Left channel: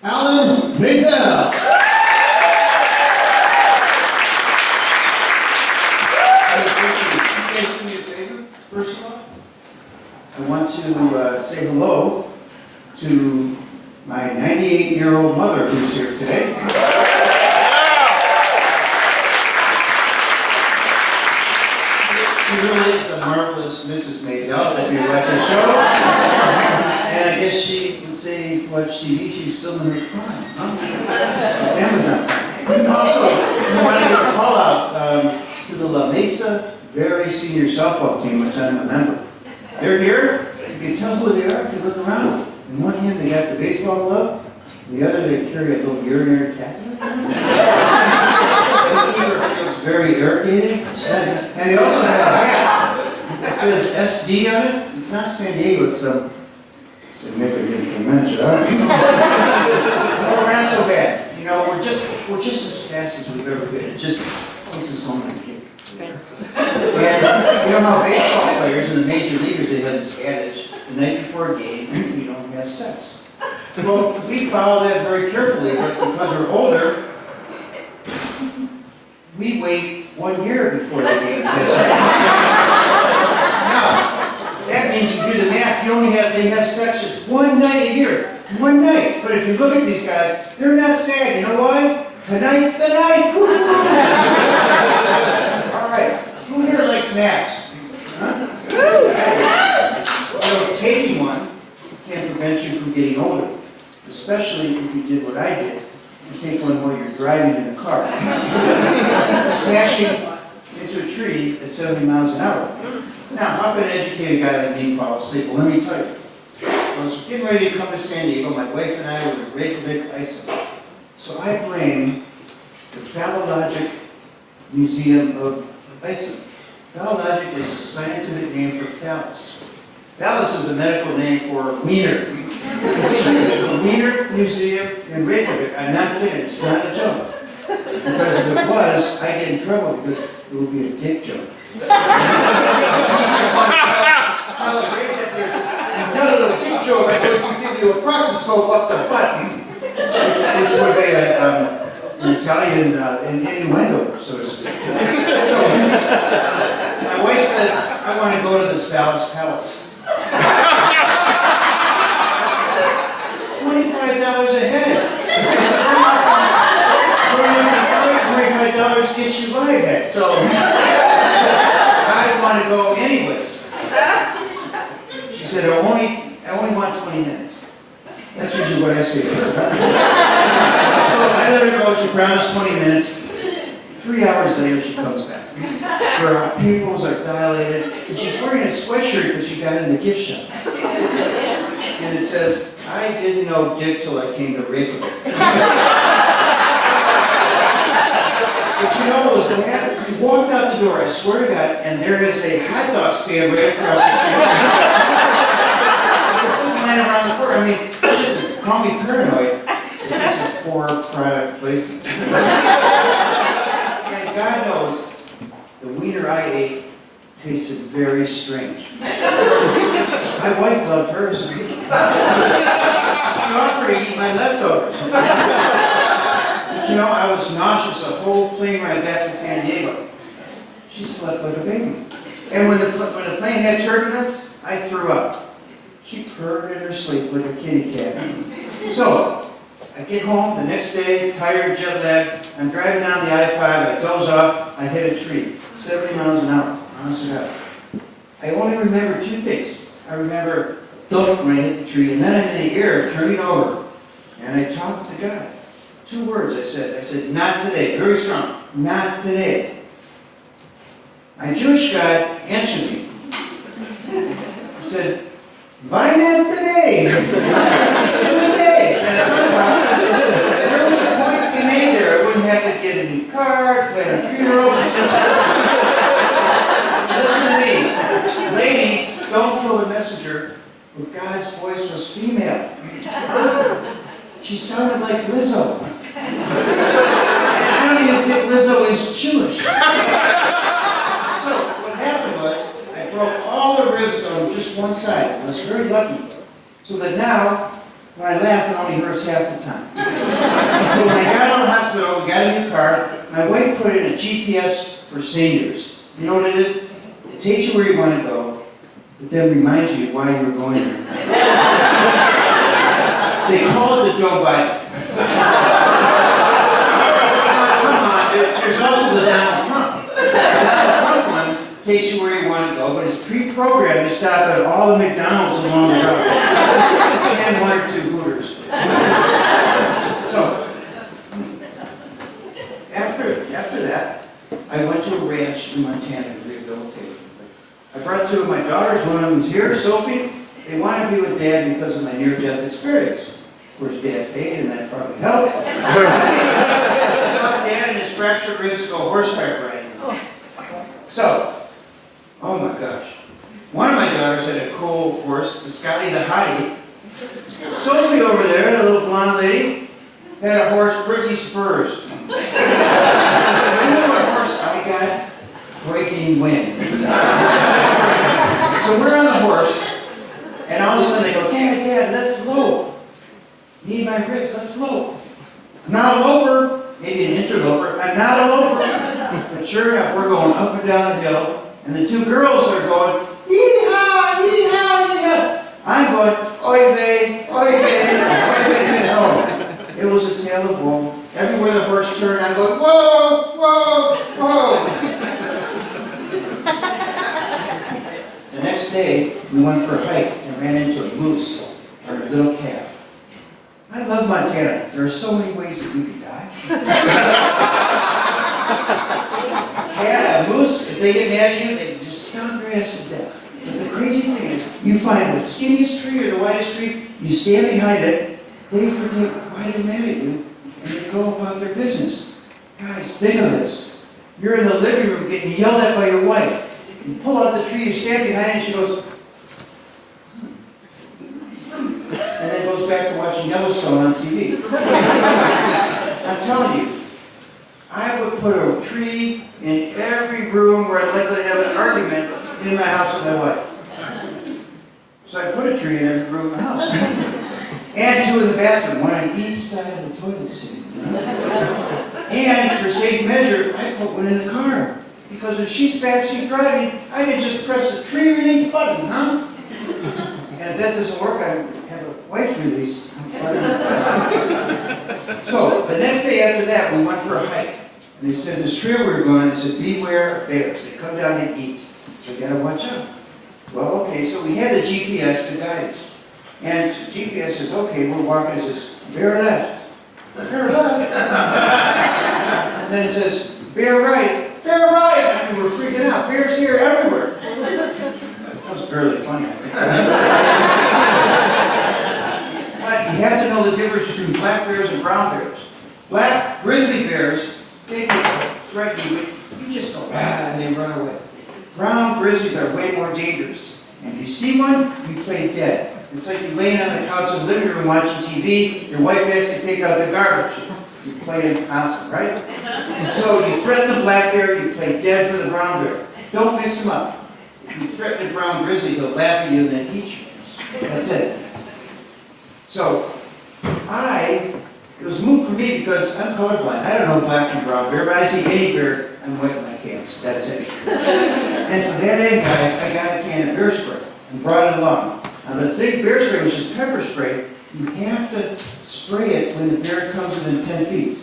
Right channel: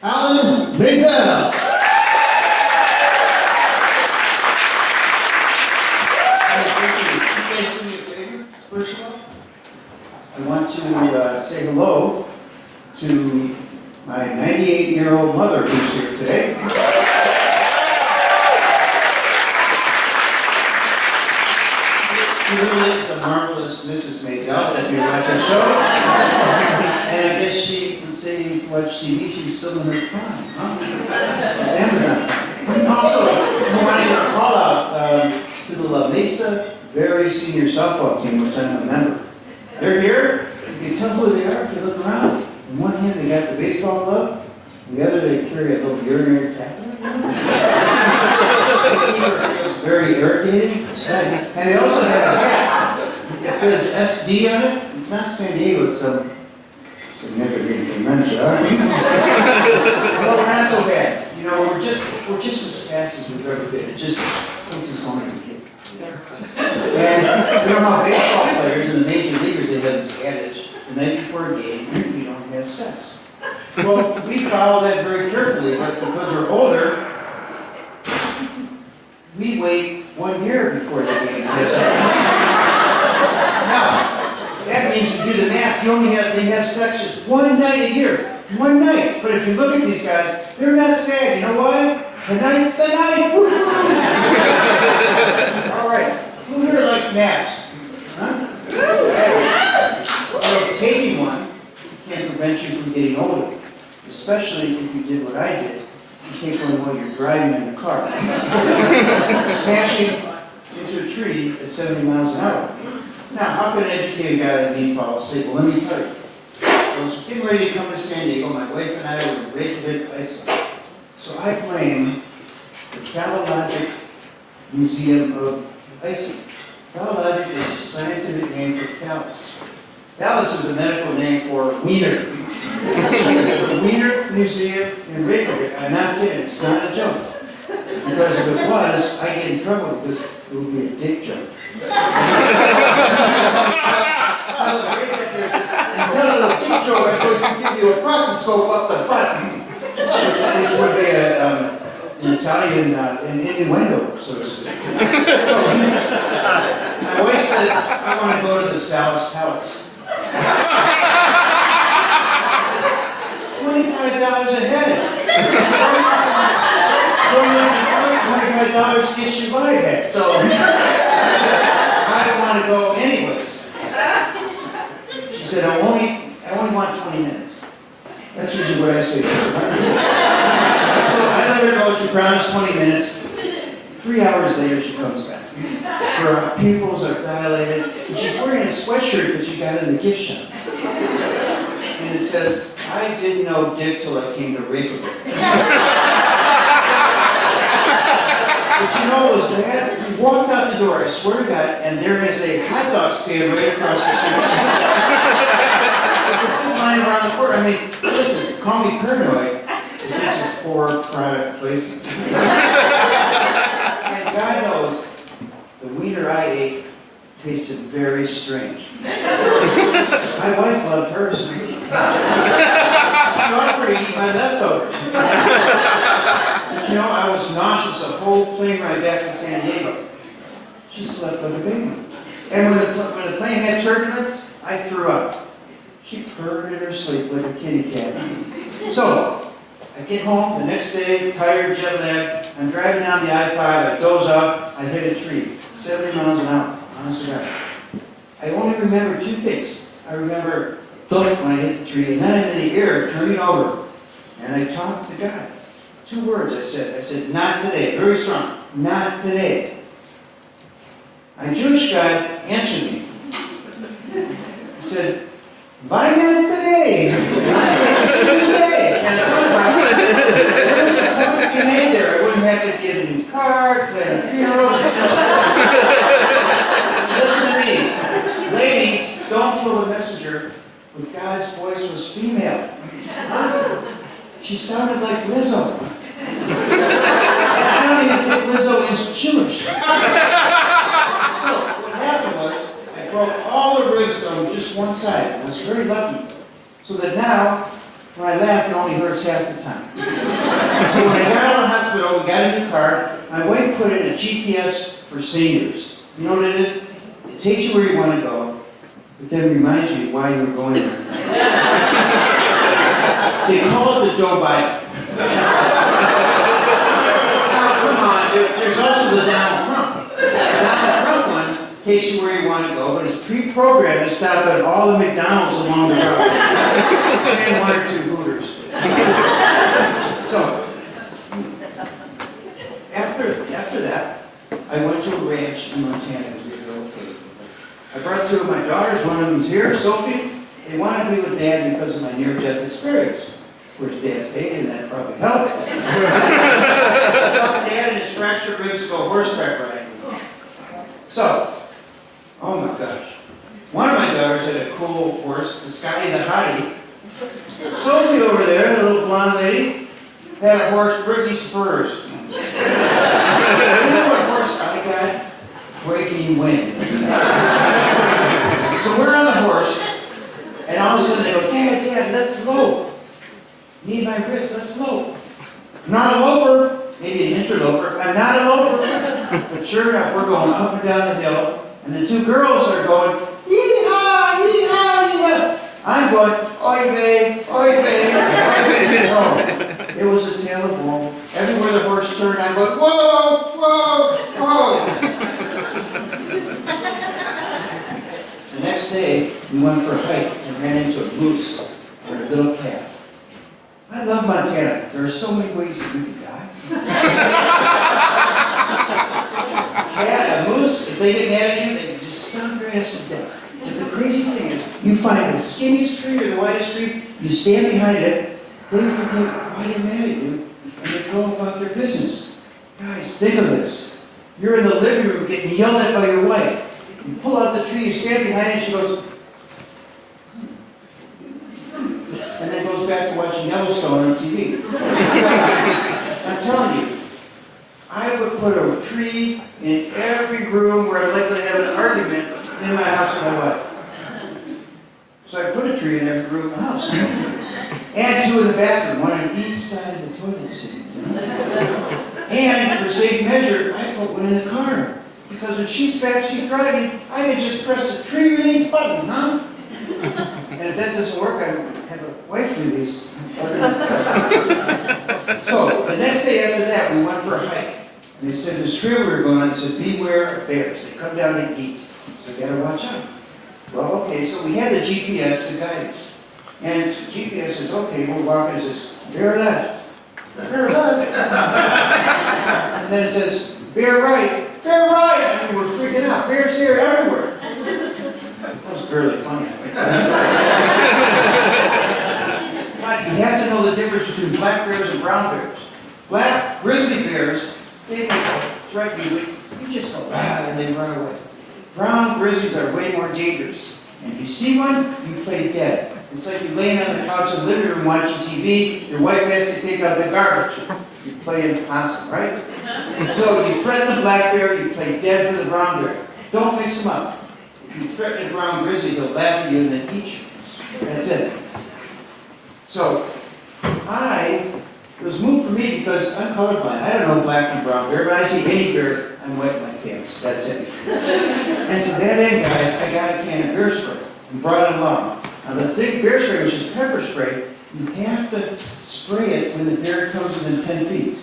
Alan Mazel. First of all, I want to say hello to my 98-year-old mother who's here today. She really is a marvelous Mrs. Mazel, if you watch our show. And I guess she would say if you watch TV, she's still in her prime. Huh? It's Amazon. Also, I want to give a call out to the La Mesa very senior softball team, which I'm a member. They're here. You can tell who they are if you look around. In one hand, they got the baseball glove. In the other, they carry a little urinary catheter. It's very irritating. And they also have a hat. It says SD on it. It's not San Diego. It's some significant convention. Well, we're not so bad. You know, we're just as fast as we've ever been. It just takes us home and kick. And you know how baseball players and the major leaguers, they have this adage, the night before a game, we don't have sex. Well, we follow that very carefully, but because we're older, we wait 1 year before the game. Now, that means you do the math, they have sex just one night a year. One night. But if you look at these guys, they're not sad. You know why? Tonight's the night. All right. Who here likes naps? Huh? Well, taking one can prevent you from getting older, especially if you did what I did. You take one while you're driving in the car, smashing into a tree at 70 miles an hour. Now, how can an educated guy like me fall asleep? Well, let me tell you. I was getting ready to come to San Diego. My wife and I were in Reykjavik, Iceland. So I blame the Phallologic Museum of Iceland. Phallologic is a scientific name for phallus. Phallus is a medical name for wiener. There's a wiener museum in Reykjavik. I'm not kidding. It's not a joke. Because if it was, I'd get in trouble because it would be a dick joke. And tell a little dick joke, I'm going to give you a proctoscope up the butt, which would be an Italian innuendo, so to speak. So, my wife said, I want to go to this phallus palace. It's $25 a head. $25 gets you by head. So I want to go anyways. She said, I only want 20 minutes. That's usually what I say to her. So I let her go. She promised 20 minutes. 3 hours later, she comes back. Her pupils are dilated, and she's wearing a sweatshirt that she got in the gift shop. And it says, I didn't know dick till I came to Reykjavik. But you know what was bad? We walked out the door, I swear to God, and there is a hot dog stand right across the street. There's a big line around the corner. I mean, listen, call me paranoid, but this is poor product placement. And God knows, the wiener I ate tasted very strange. My wife loved hers. She offered to eat my leftovers. But you know, I was nauseous the whole plane ride back to San Diego. She slept like a baby. And when the plane had turbulence, I threw up. She purred in her sleep like a kitty cat. So, I get home the next day, tired, jet lagged. I'm driving down the I-5, I doze off, I hit a tree, 70 miles an hour, honest to God. I only remember two things. I remember thump when I hit the tree, and then I'm in the air, turning over, and I talked to God. 2 words I said, not today, very strong, not today. My Jewish God answered me. He said, why not today? It's a good day. And I thought about it. What was the point you made there? I wouldn't have to get a new car, plan a funeral. Listen to me. Ladies, don't kill a messenger, but God's voice was female. Huh? She sounded like Lizzo. And I don't even think Lizzo is Jewish. So, what happened was, I broke all the ribs on just one side. I was very lucky. So that now, When I laugh, it only hurts half the time. So when I got out of the hospital, we got a new car. My wife put in a GPS for seniors. You know what it is? It takes you where you want to go, but then reminds you why you're going there. They call it the Joe Biden. Now, come on, there's also the Donald Trump. The Donald Trump one takes you where you want to go, but it's pre-programmed to stop at all the McDonald's along the road. And 1 or 2 Hooters. So, after that, I went to a ranch in Montana to rehabilitate. I brought 2 of my daughters. One of them's here, Sophie. They wanted to be with Dad because of my near-death experience. Of course, Dad paid, and that probably helped. So Dad and his fractured ribs go horseback riding. So, oh my gosh. One of my daughters had a cool horse, the Scotty the Hottie. Sophie over there, the little blonde lady, had a horse, Ricky Spurs. You know what horse I got? Breaking wind. So we're on the horse, and all of a sudden they go, Dad, that's low. Need my ribs, that's low. I'm not a loper, maybe an interloper. I'm not a loper. But sure enough, we're going up and down the hill, and the 2 girls are going, yee-haw, yee-haw, yee-haw. I'm going, oy vey, oy vey, oy vey. Oh, it was a tale of woe. Everywhere the horse turned, I'm going, whoa, whoa, whoa. The next day, we went for a hike and ran into a moose and a little calf. I love Montana. There are so many ways that you can die. A moose, if they get mad at you, they can just stomp your ass to death. But the crazy thing is, you find the skinniest tree or the widest tree, you stand behind it, they forget why they're mad at you, and they go about their business. Guys, think of this. You're in the living room getting yelled at by your wife. You pull out the tree, you stand behind it, and she goes, and then goes back to watching Yellowstone on TV. I'm telling you, I would put a tree in every room where I'd likely to have an argument in my house with my wife. So I put a tree in every room in the house. And 2 in the bathroom, one on each side of the toilet seat. And for safe measure, I put one in the car. Because when she's backseat driving, I can just press the tree release button, huh? And if that doesn't work, I have a wife release. So the next day after that, we went for a hike. And they said, this trail we were going on, it said, beware of bears. They come down and eat. So you gotta watch out. Well, okay, so we had the GPS to guide us. And GPS says, okay, we're walking, it says, bear left. Bear left. And then it says, bear right. Bear right. I mean, we're freaking out. Bears here everywhere. That was barely funny, I think. Right, you have to know the difference between black bears and brown bears. Black grizzly bears, they threaten you, but you just go, and they run away. Brown grizzlies are way more dangerous. And if you see one, you play dead. It's like you're laying on the couch in the living room watching TV, your wife has to take out the garbage. You're playing possum, right? So you threaten the black bear, you play dead for the brown bear. Don't mix them up. If you threaten a brown grizzly, he'll laugh at you and then eat you. That's it. So, it was moved for me because I'm colorblind. I don't know black and brown bear, but I see any bear, I'm wetting my pants. That's it. And to that end, guys, I got a can of bear spray and brought it along. Now the thick bear spray, which is pepper spray, you have to spray it when the bear comes within 10 feet.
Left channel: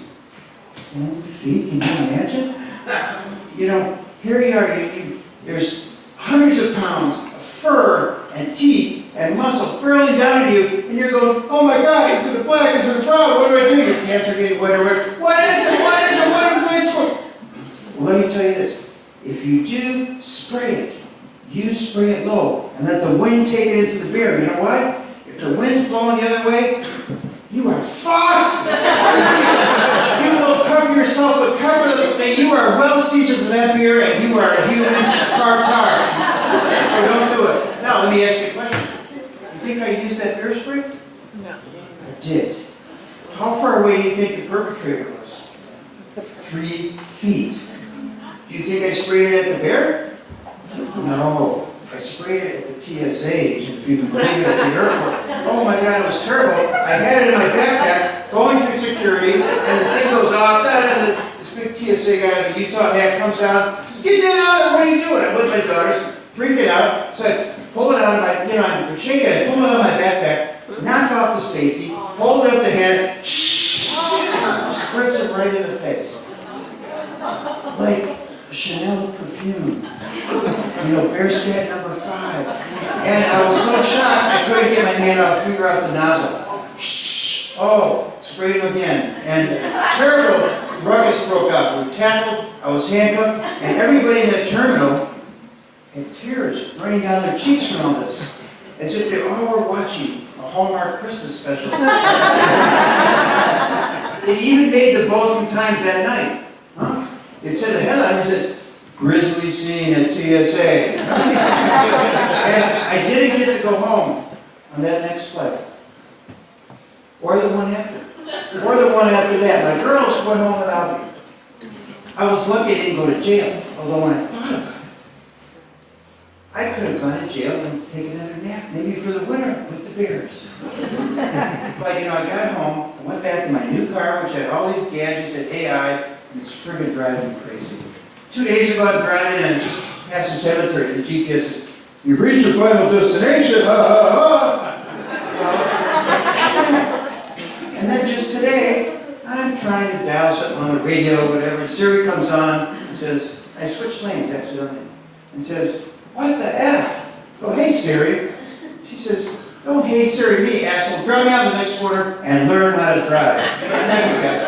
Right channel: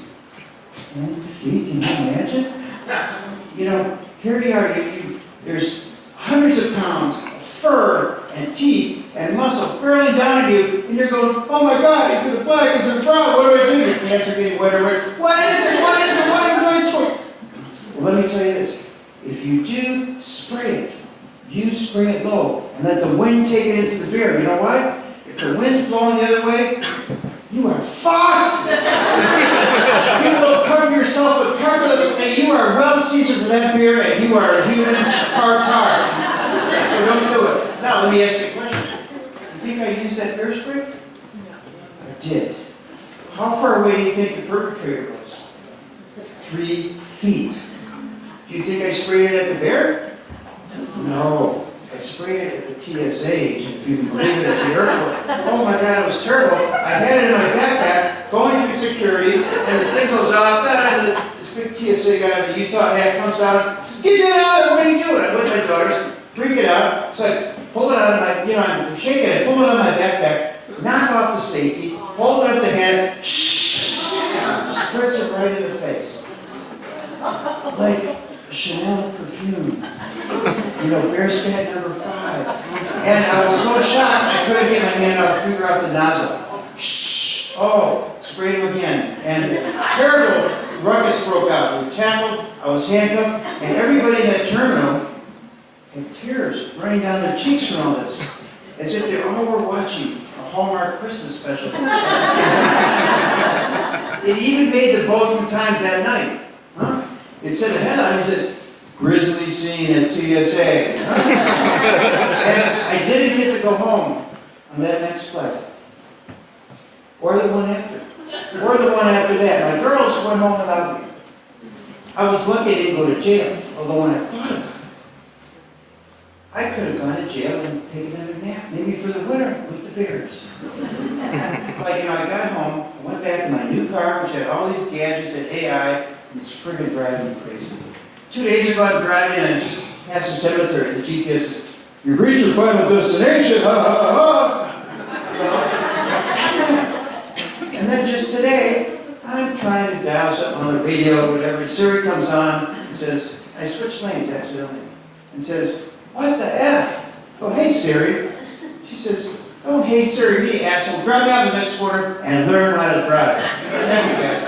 10 feet, can you imagine? You know, here you are, there's hundreds of pounds of fur and teeth and muscle barreling down on you, and you're going, oh my God, it's in the black, it's in the brown, what do I do? Your pants are getting wetter, what is it, what is it, what am I supposed to? Well, let me tell you this. If you do spray it, you spray it low, and let the wind take it into the beer. You know what? If the wind's blowing the other way, you are fucked! You will cover yourself with pepper, and you are well seasoned for that beer, and you are a human tartar. So don't do it. Now, let me ask you a question. You think I used that bear spray? No. I did. How far away do you think the perpetrator was? 3 feet. Do you think I sprayed it at the bear? No. I sprayed it at the TSA agent, if you can believe it, at the airport. Oh my God, it was terrible. I had it in my backpack, going through security, and the thing goes off, this big TSA guy with a Utah hat comes out, says, get that out, what are you doing? I'm with my daughters, freak it out. So I pull it out of my, I'm shaking it, pull it out of my backpack, knock off the safety, hold it up the head, spritz it right in the face. Like Chanel perfume. Bearscat number 5. And I was so shocked, I couldn't get my hand out, figure out the nozzle. Oh, sprayed him again. And terrible ruckus broke out. We were tackled, I was handcuffed, and everybody in that terminal had tears running down their cheeks from all this. As if they all were watching a Hallmark Christmas special. It even made the Bozeman Times that night. Huh? It said a headline, it said, "Grizzly scene at TSA." And I didn't get to go home on that next flight. Or the one after. Or the one after that. My girls went home without me. I was lucky I didn't go to jail, although when I thought about it, I could have gone to jail and taken another nap, maybe for the winter with the bears. But I got home, I went back to my new car, which had all these gadgets and AI, and it's friggin' driving me crazy. 2 days ago, I'm driving and I just passed the cemetery. The GPS says, "You've reached your final destination." Ha ha ha. And then just today, I'm trying to dial something on the radio or whatever, and Siri comes on and says, I switched lanes accidentally, and says, "What the F?" Oh, "Hey Siri." She says, "Oh, hey Siri, me, asshole. Drive me out the next corner and learn how to drive." Thank you guys.